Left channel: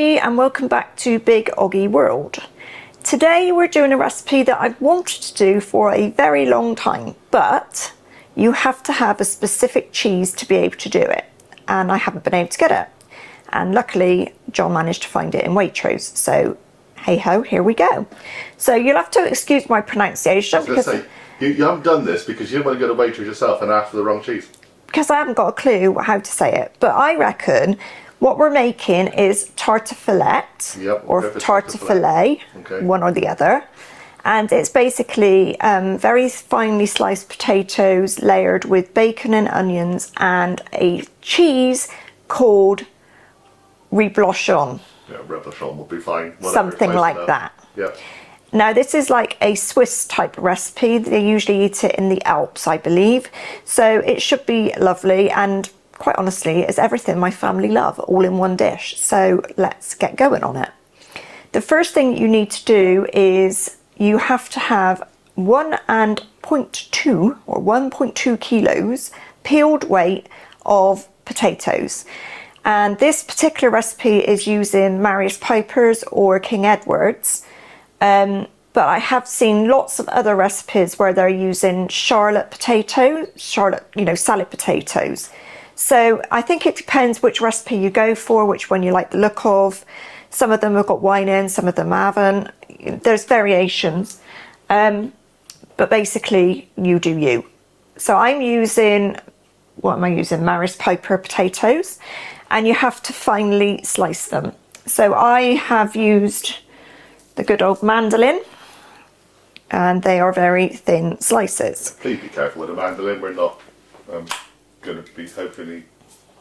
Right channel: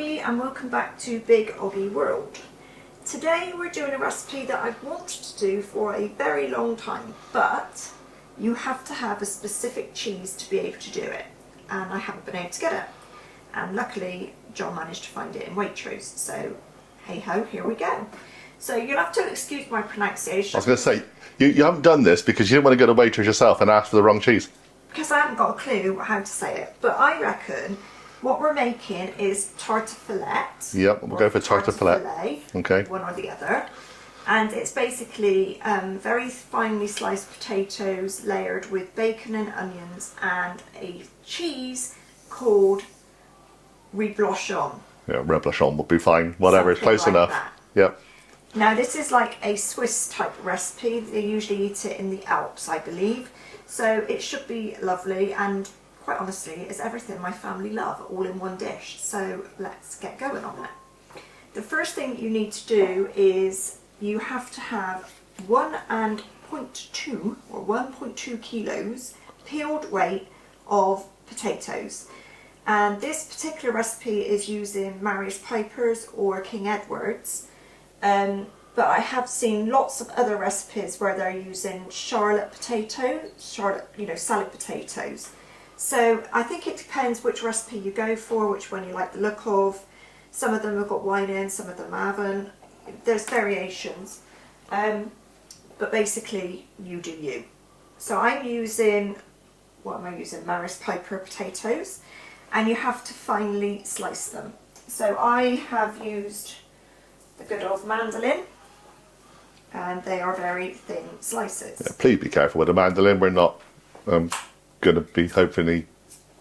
everybody and welcome back to Big Oggie World. Today we're doing a recipe that I've wanted to do for a very long time, but you have to have a specific cheese to be able to do it, and I haven't been able to get it. And luckily John managed to find it in Waitrose, so hey ho, here we go. So you'll have to excuse my pronunciation. I was going to say, you haven't done this because you didn't want to go to Waitrose yourself and ask for the wrong cheese. Because I haven't got a clue how to say it, but I reckon what we're making is tartiflette, Yep, we'll go for tartiflette. Okay. One or the other. And it's basically very finely sliced potatoes layered with bacon and onions and a cheese called reblochon. Yeah, reblochon will be fine, whatever, Something it's close like enough. that. Yep. Now this is like a Swiss type recipe. They usually eat it in the Alps, I believe. So it should be lovely, and quite honestly, it's everything my family love, all in one dish. So let's get going on it. The first thing you need to do is you have to have 1.2 kilos peeled weight of potatoes. And this particular recipe is using Mary's Pipers or King Edward's. But I have seen lots of other recipes where they're using salad potatoes. So I think it depends which recipe you go for, which one you like the look of. Some of them have got wine in, some of them haven't. There's variations, but basically you do you. So I'm using, what am I using? Mary's Piper potatoes, and you have to finely slice them. So I have used the good old mandolin, and they are very thin slices. Yeah, please be careful with the mandolin. We're not going to be hopefully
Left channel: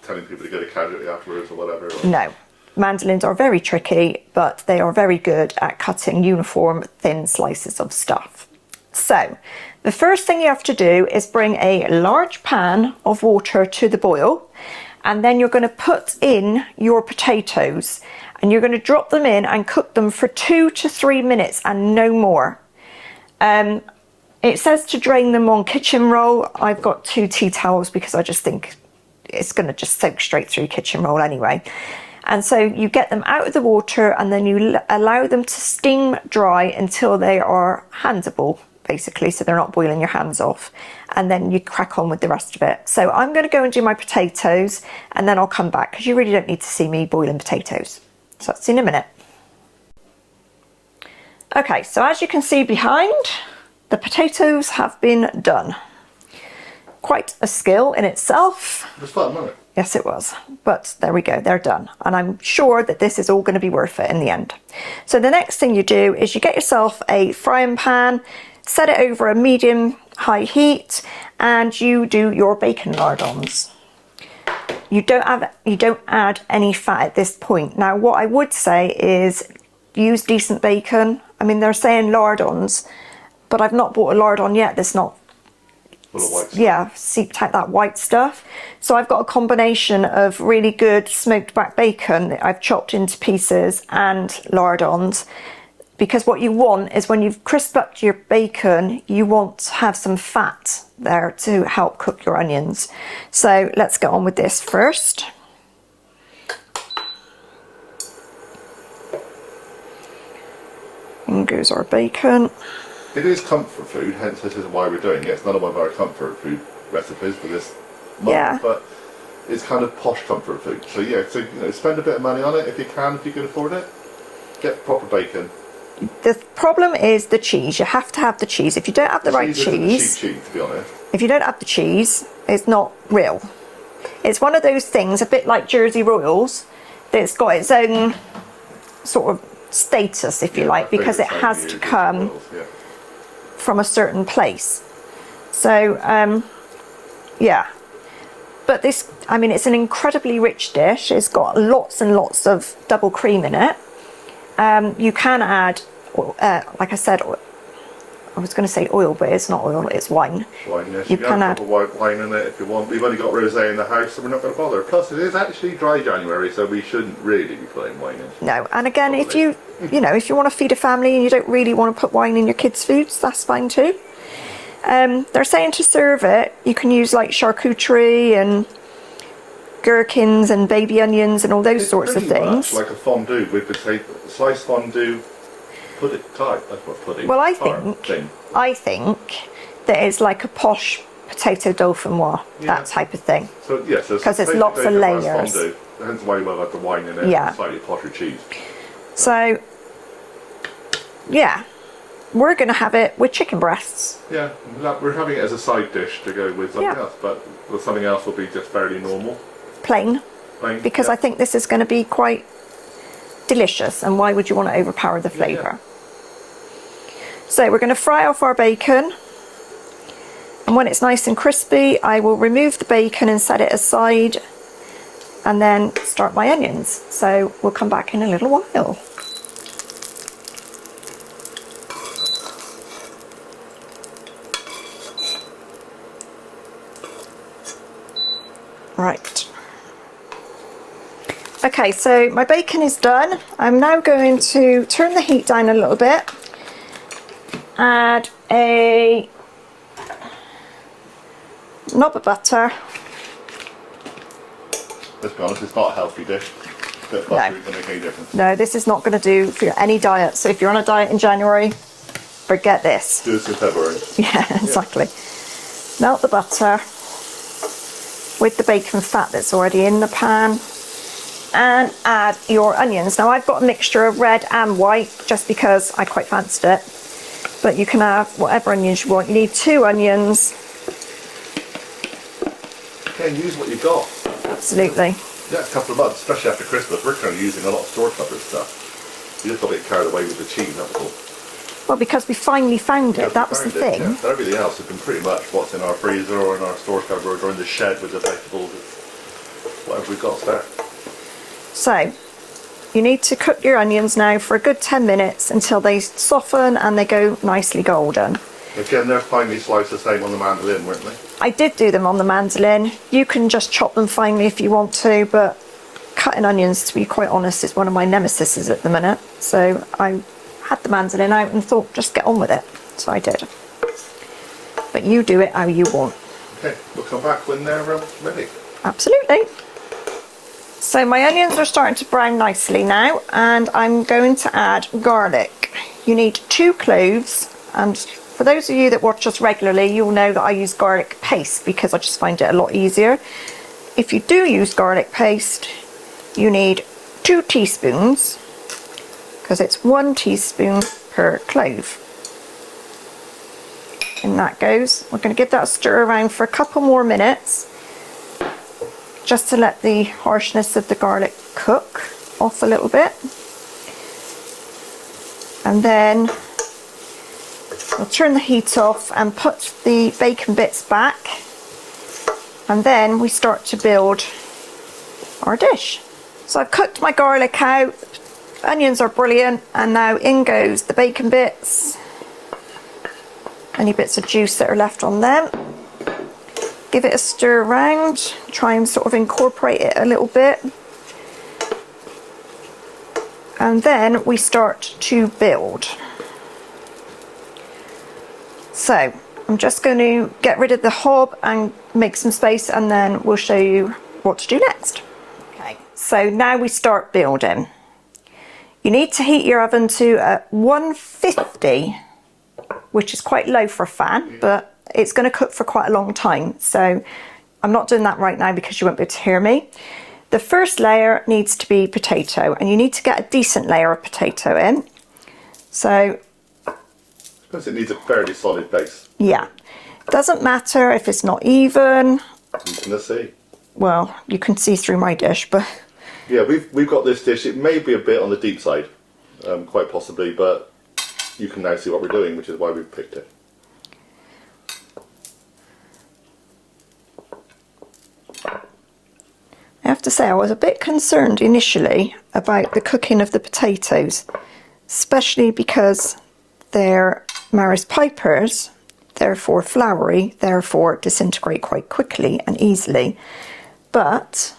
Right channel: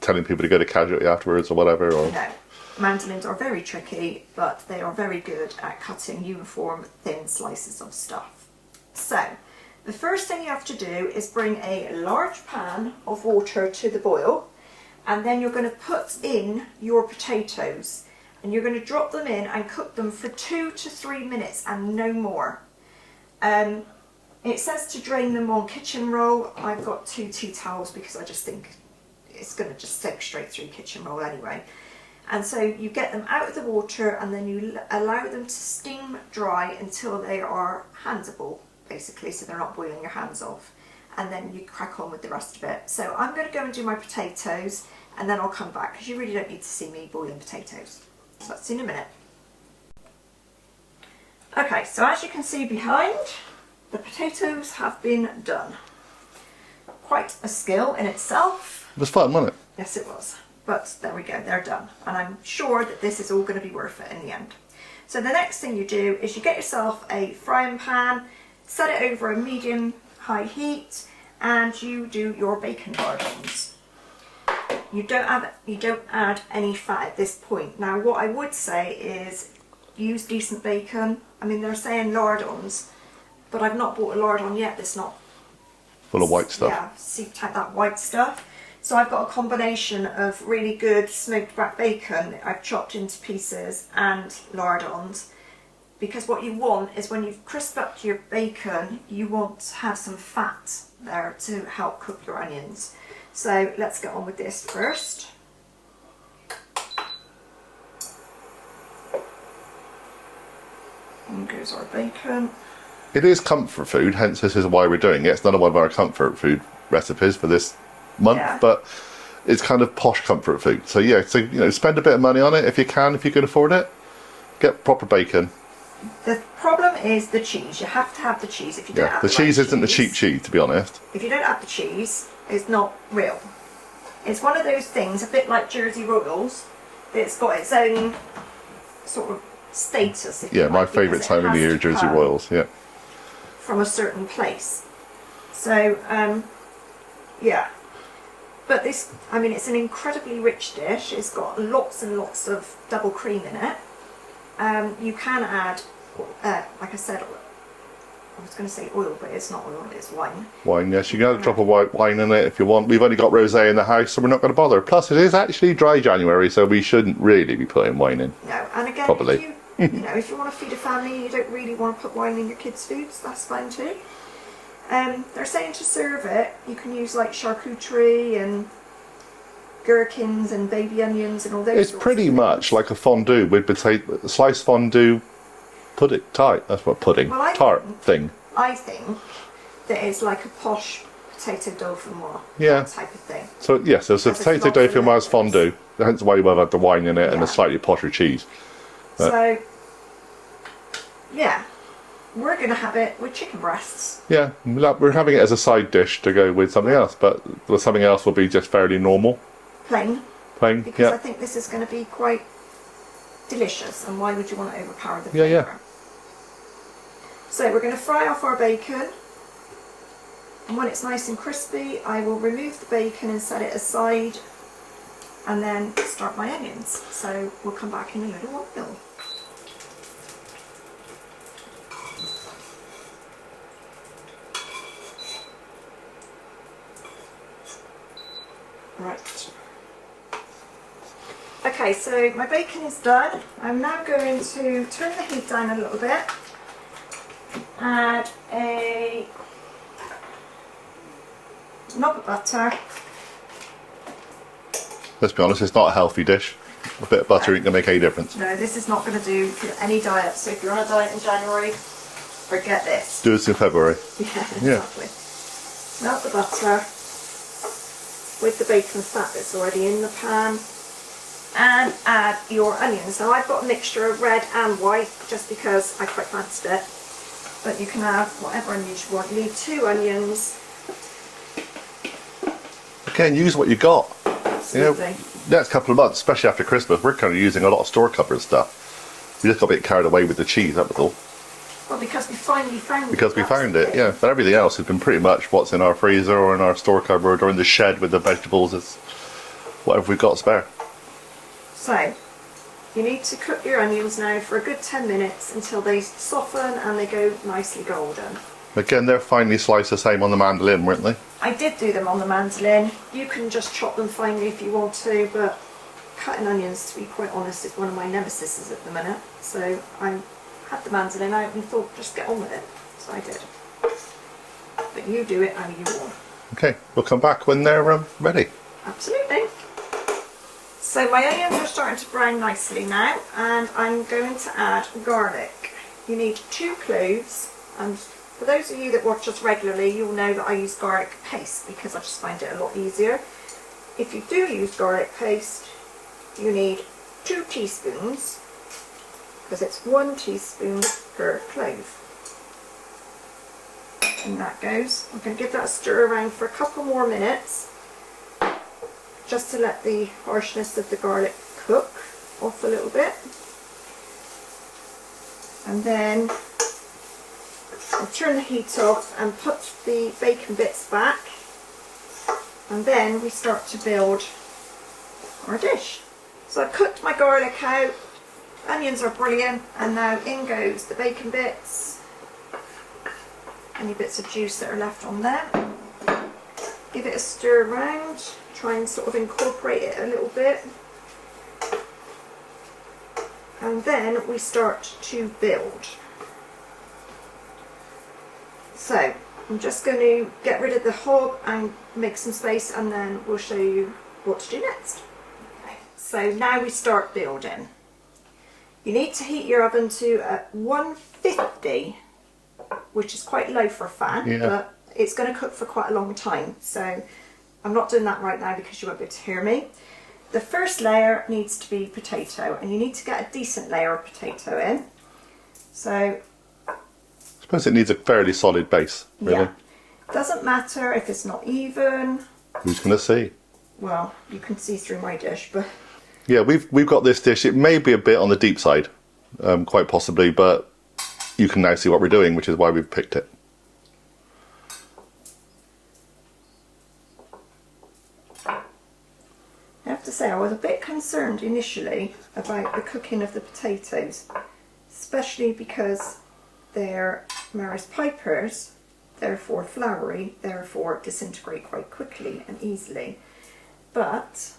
telling people to go to Charcuterie afterwards or whatever. Or... No, mandolins are very tricky, but they are very good at cutting uniform thin slices of stuff. So the first thing you have to do is bring a large pan of water to the boil, and then you're going to put in your potatoes, and you're going to drop them in and cook them for 2 to 3 minutes and no more. It says to drain them on kitchen roll. I've got 2 tea towels because I just think it's going to just soak straight through kitchen roll anyway. And so you get them out of the water and then you allow them to steam dry until they are handable, basically, so they're not boiling your hands off. And then you crack on with the rest of it. So I'm going to go and do my potatoes and then I'll come back because you really don't need to see me boiling potatoes. So that's in a minute. Okay, so as you can see behind, the potatoes have been done. Quite a skill in itself. It was fun, wasn't it? Yes, it was. But there we go, they're done. And I'm sure that this is all going to be worth it in the end. So the next thing you do is you get yourself a frying pan, set it over a medium-high heat, and you do your bacon lardons. You don't add any fat at this point. Now, what I would say is use decent bacon. I mean, they're saying lardons, but I've not bought a lardon yet that's not full of white stuff. Yeah, seeped out that white stuff. So I've got a combination of really good smoked back bacon that I've chopped into pieces and lardons. Because what you want is when you've crisped up your bacon, you want to have some fat there to help cook your onions. So let's get on with this first. In goes our bacon. It is comfort food, hence this is why we're doing it. It's not one of our comfort food recipes for this month, yeah. But it's kind of posh comfort food. So yeah, so spend a bit of money on it if you can afford it. Get proper bacon. The problem is the cheese. You have to have the cheese. If you don't have the right cheese... The cheese isn't the cheap cheese, to be honest. If you don't have the cheese, it's not real. It's one of those things, a bit like Jersey Royals, that's got its own sort of status, if you like, because it has to come Royals, from a certain place. So, yeah. But this, I mean, it's an incredibly rich dish. It's got lots and lots of double cream in it. You can add, like I said, I was going to say oil, but it's not oil, it's wine. Wine, yes. You can drop a white wine in it if you want. We've only got rosé in the house, so we're not going to bother. Plus, it is actually dry January, so we shouldn't really be putting wine in. No, and again, probably. If you, if you want to feed a family and you don't really want to put wine in your kids' foods, that's fine too. They're saying to serve it, you can use like charcuterie and gherkins and baby onions and all those sorts of things. It's pretty much like a fondue with potato, sliced fondue pudding, tart. That's what pudding. Well, I think that it's like a posh potato dauphinoise, that type of thing. So yeah, so it's a potato dauphinoise fondue. Hence why you might have the wine in it and a slightly posher cheese. So yeah, we're going to have it with chicken breasts. Yeah, we're having it as a side dish to go with something else, but something else will be just fairly normal. Plain. Because I think this is going to be quite delicious, and why would you want to overpower the flavour? So we're going to fry off our bacon, and when it's nice and crispy, I will remove the bacon and set it aside, and then start my onions. So we'll come back in a little while. Right. Okay, so my bacon is done. I'm now going to turn the heat down a little bit. Add a knob of butter. Let's be honest, it's not a healthy dish. A bit of butter ain't going to make any difference. No, this is not going to do for any diet. So if you're on a diet in January, forget this. Do this in February. Yeah, exactly. Melt the butter with the bacon fat that's already in the pan, and add your onions. Now I've got a mixture of red and white just because I quite fancied it, but you can have whatever onions you want. You need 2 onions. Again, use what you got. Absolutely. Next couple of months, especially after Christmas, we're kind of using a lot of store cupboard stuff. We just got a bit carried away with the cheese, that was all. Well, because we finally found it. That was the thing. Yeah. But everything else has been pretty much what's in our freezer or in our store cupboard or in the shed with the vegetables. It's whatever we've got spare. So, you need to cook your onions now for a good 10 minutes until they soften and they go nicely golden. Again, they're finely sliced the same on the mandolin, weren't they? I did do them on the mandolin. You can just chop them finely if you want to, but cutting onions, to be quite honest, is one of my nemesises at the minute. So I had the mandolin out and thought, just get on with it. So I did. But you do it how you want. Okay, we'll come back when they're ready. Absolutely. So my onions are starting to brown nicely now, and I'm going to add garlic. You need 2 cloves, and for those of you that watch us regularly, you'll know that I use garlic paste because I just find it a lot easier. If you do use garlic paste, you need 2 teaspoons, because it's 1 teaspoon per clove. And that goes. We're going to give that a stir around for a couple more minutes, just to let the harshness of the garlic cook off a little bit. And then we'll turn the heat off and put the bacon bits back, and then we start to build our dish. So I've cooked my garlic out, onions are brilliant, and now in goes the bacon bits, any bits of juice that are left on them. Give it a stir around, try and sort of incorporate it a little bit, and then we start to build. So I'm just going to get rid of the hob and make some space, and then we'll show you what to do next. Okay, so now we start building. You need to heat your oven to 150, which is quite low for a fan, but it's going to cook for quite a long time. So I'm not doing that right now because you won't be able to hear me. The first layer needs to be potato, and you need to get a decent layer of potato in. So I suppose it needs a fairly solid base. Really. Yeah. Doesn't matter if it's not even. Who's going to see? Well, you can see through my dish, but... Yeah, we've got this dish. It may be a bit on the deep side, quite possibly, but you can now see what we're doing, which is why we've picked it. I have to say, I was a bit concerned initially about the cooking of the potatoes, especially because they're Maris Pipers, therefore floury, therefore disintegrate quite quickly and easily. But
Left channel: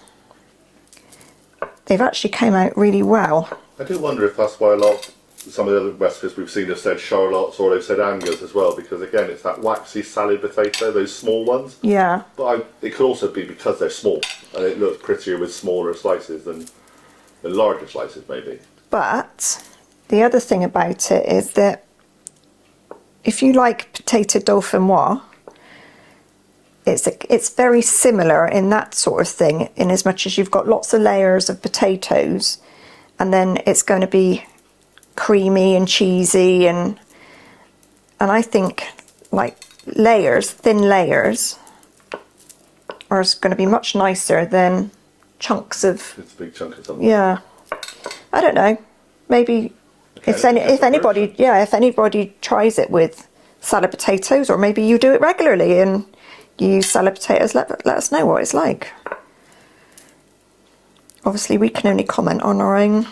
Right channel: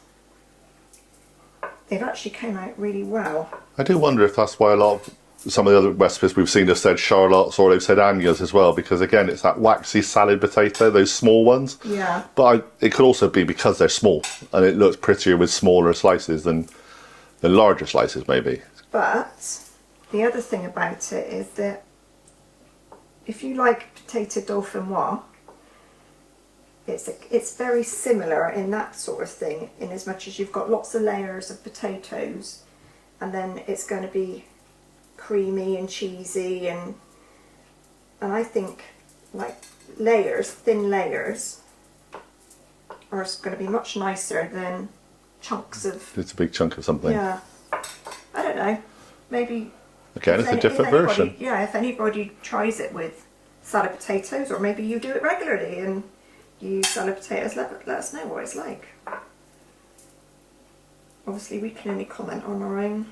they've actually came out really well. I do wonder if that's why a lot of some of the other recipes we've seen have said shallots or they've said onions as well, because again, it's that waxy salad potato, those small ones. Yeah. But it could also be because they're small and it looks prettier with smaller slices than larger slices maybe. But the other thing about it is that if you like potato dauphinoise, it's very similar in that sort of thing, in as much as you've got lots of layers of potatoes and then it's going to be creamy and cheesy, and I think like thin layers are going to be much nicer than chunks of... It's a big chunk of something. Yeah. I don't know. Maybe if anybody tries it with salad potatoes, or maybe you do it regularly and you use salad potatoes, let us know what it's like. Obviously, we can only comment on our own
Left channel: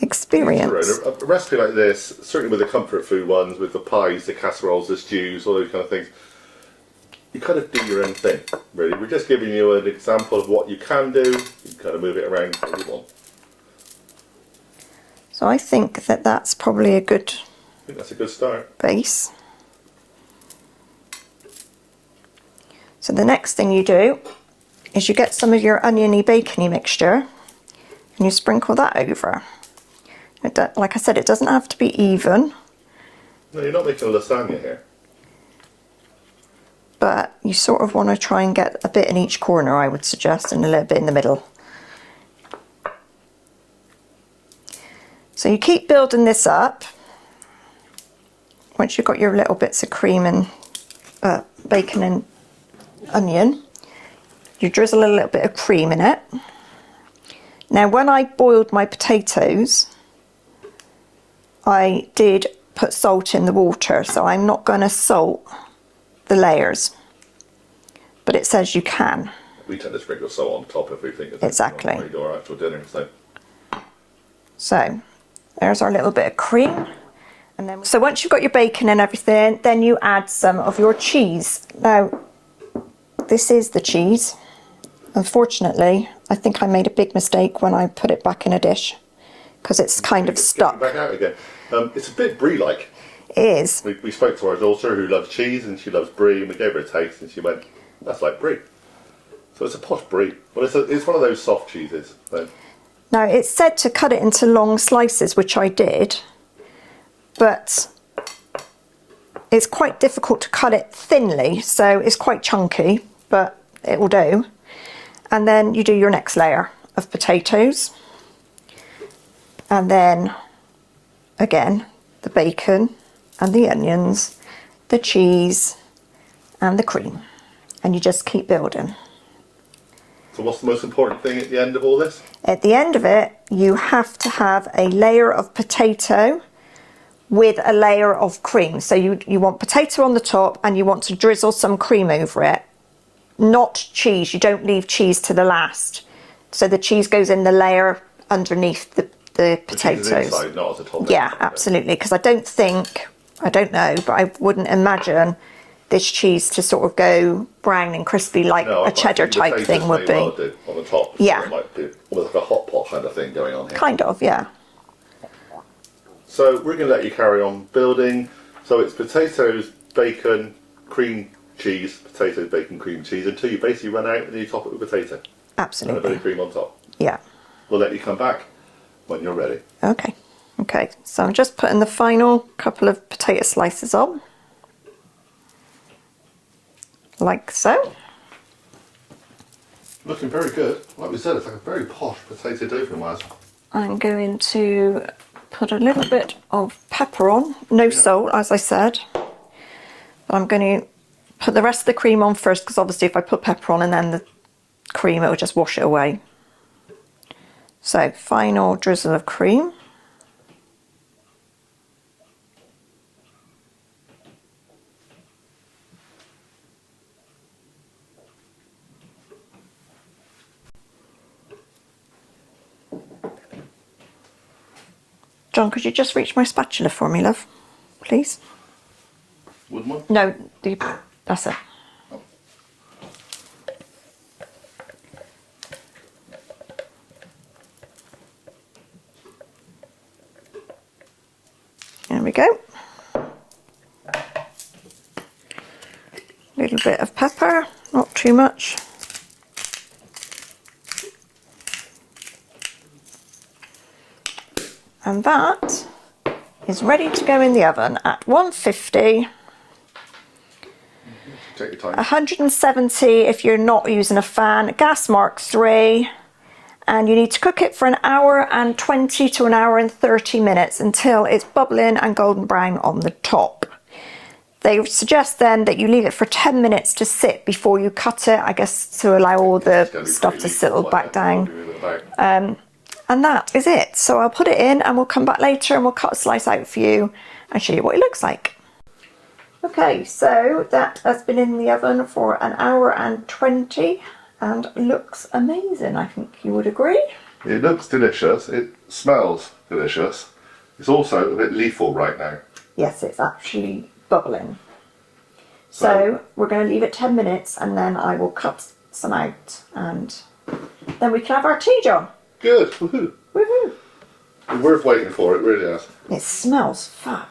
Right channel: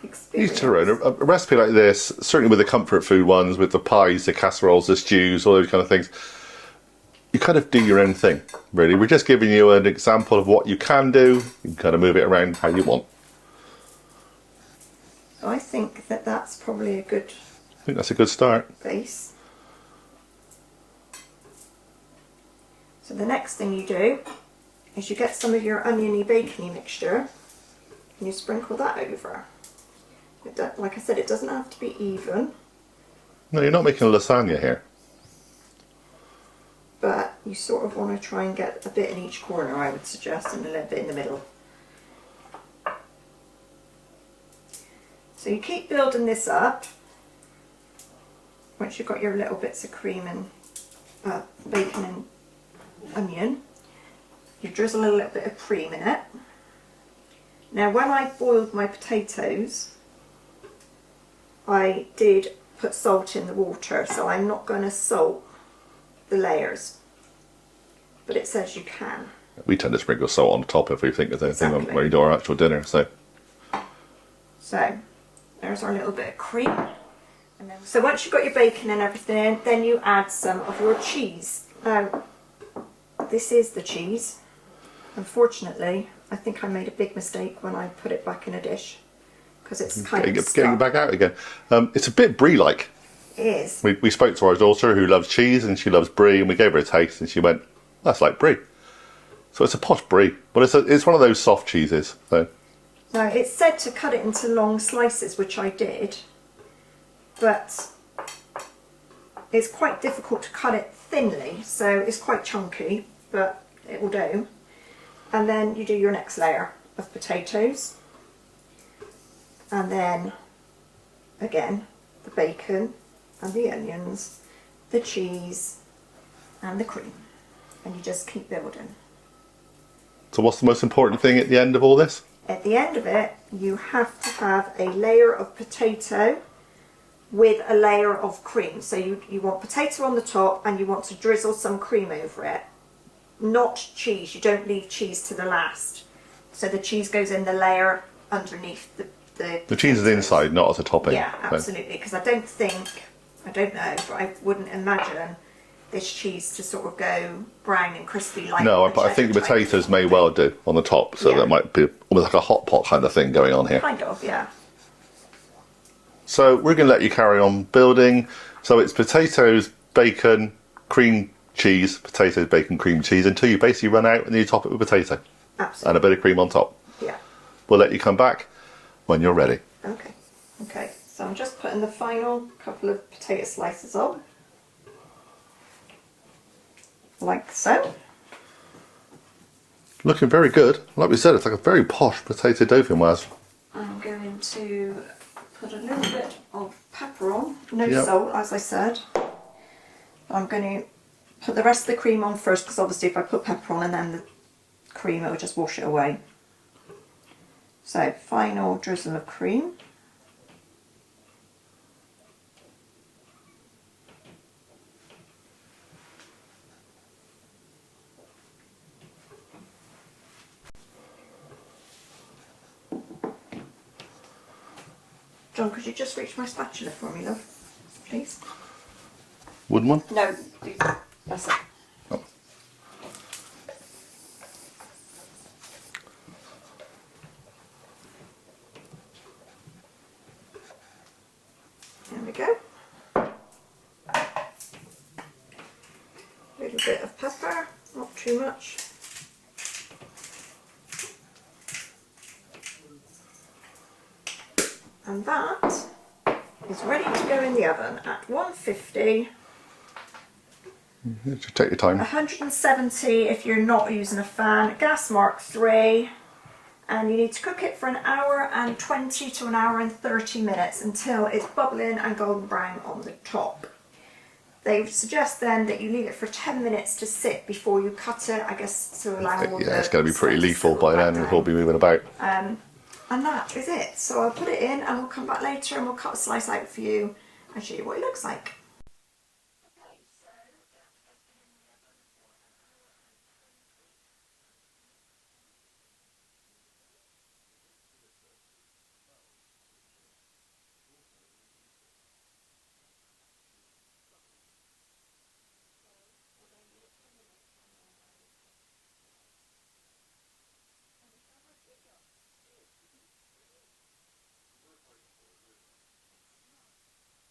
experience. A recipe like this, certainly with the comfort food ones, with the pies, the casseroles, the stews, all those kind of things, you kind of do your own thing, really. We're just giving you an example of what you can do. You can kind of move it around how you want. So I think that's probably a good... I think that's a good start. Base. So the next thing you do is you get some of your oniony bacony mixture and you sprinkle that over. Like I said, it doesn't have to be even. No, you're not making a lasagna here. But you sort of want to try and get a bit in each corner, I would suggest, and a little bit in the middle. So you keep building this up. Once you've got your little bits of cream and bacon and onion, you drizzle a little bit of cream in it. Now, when I boiled my potatoes, I did put salt in the water, so I'm not going to salt the layers, but it says you can. We tend to sprinkle salt on top if we think of Exactly. when we do our actual dinner. So there's our little bit of cream. And then, so once you've got your bacon and everything, then you add some of your cheese. Now, this is the cheese. Unfortunately, I think I made a big mistake when I put it back in a dish, because it's kind of stuck. Getting back out again. It's a bit brie-like. It is. We spoke to our daughter who loves cheese and she loves brie, and we gave her a taste and she went, that's like brie. So it's a posh brie, but it's one of those soft cheeses. So. Now, it's said to cut it into long slices, which I did, but it's quite difficult to cut it thinly, so it's quite chunky, but it will do. And then you do your next layer of potatoes, and then again the bacon and the onions, the cheese and the cream, and you just keep building. So what's the most important thing at the end of all this? At the end of it, you have to have a layer of potato with a layer of cream. So you want potato on the top and you want to drizzle some cream over it. Not cheese. You don't leave cheese to the last. So the cheese goes in the layer underneath the potatoes. The cheese is inside, not at the top end. Yeah, absolutely. Because I don't know, but I wouldn't imagine this cheese to sort of go brown and crispy like a cheddar type thing would be. Potatoes may well do on the top, so there might be almost like a hot pot kind of thing going on here. Kind of, yeah. So we're going to let you carry on building. So it's potatoes, bacon, cream cheese, potatoes, bacon, cream cheese, until you basically run out and then you top it with potato. Absolutely. And a bit of cream on top. Yeah. We'll let you come back when you're ready. Okay. Okay, so I'm just putting the final couple of potato slices on. Like so. Looking very good. Like we said, it's like a very posh potato dauphinoise. I'm going to put a little bit of pepper on. No salt, as I said. But I'm going to put the rest of the cream on first, because obviously if I put pepper on and then the cream, it will just wash it away. So, final drizzle of cream. John, could you just reach my spatula for me, love? Please? Wooden one? No, that's it. Oh. A little bit of pepper, not too much. And that is ready to go in the oven at 150. Take your time. 170 if you're not using a fan, gas mark 3, and you need to cook it for an hour and 20 to an hour and 30 minutes until it's bubbling and golden brown on the top. They suggest then that you leave it for 10 minutes to sit before you cut it, I guess to allow all the It's going to be stuff pretty to lethal settle by back then. We'll down. be moving about. And that is it. So I'll put it in and we'll come back later and we'll cut a slice out for you and show you what it looks like. Okay, so that has been in the oven for an hour and 20 and looks amazing. I think you would agree. It looks delicious. It smells delicious. It's also a bit lethal right now. Yes, it's actually bubbling. So we're going to leave it 10 minutes and then I will cut some out and then we can have our tea, John. Good. Woohoo. Woohoo. It's worth waiting for. It really is. It smells fab.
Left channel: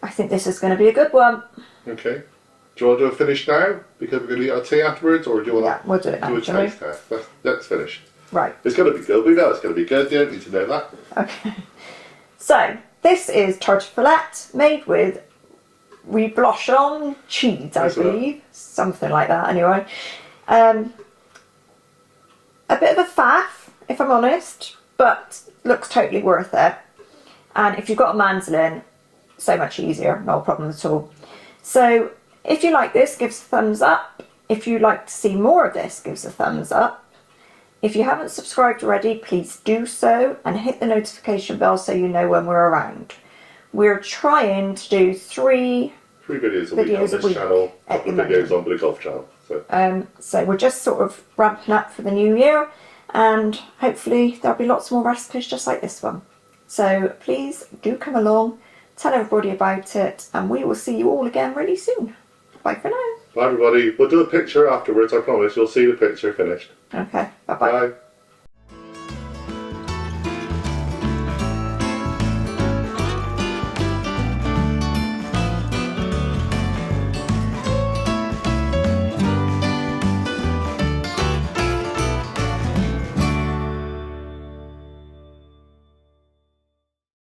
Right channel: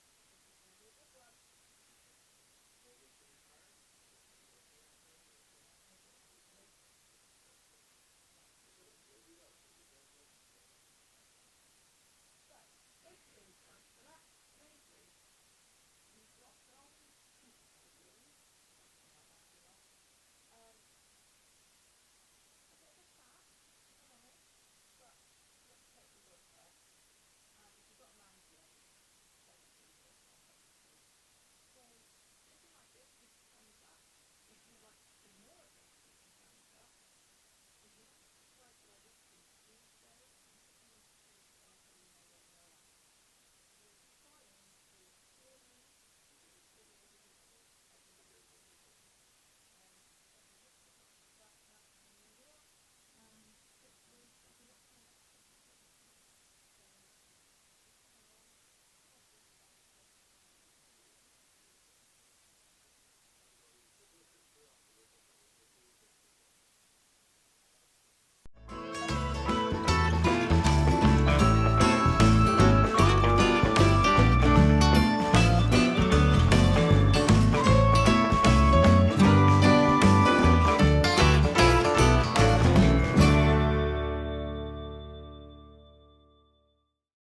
I think this is going to be a good one. Okay. Do you want to do a finish now? Because we're going to eat our tea afterwards, or do you want Yeah, we'll do it now, do a shall we? taste test? Let's finish. Right. It's going to be good. We know it's going to be good. You don't need to know that. Okay. So, this is tartiflette made with reblochon cheese, I believe. Something like that, anyway. A bit of a faff, if I'm honest, but looks totally worth it. And if you've got a mandolin, so much easier, no problem at all. So, if you like this, give us a thumbs up. If you'd like to see more of this, give us a thumbs up. If you haven't subscribed already, please do so and hit the notification bell so you know when we're around. We're trying to do three videos a week on this channel, a couple of videos on the golf channel. So we're just sort of ramping up for the new year and hopefully there'll be lots more recipes just like this one. So please do come along, tell everybody about it, and we will see you all again really soon. Bye for now. Bye everybody. We'll do a picture afterwards, I promise. You'll see the picture finished. Okay, bye-bye. Bye.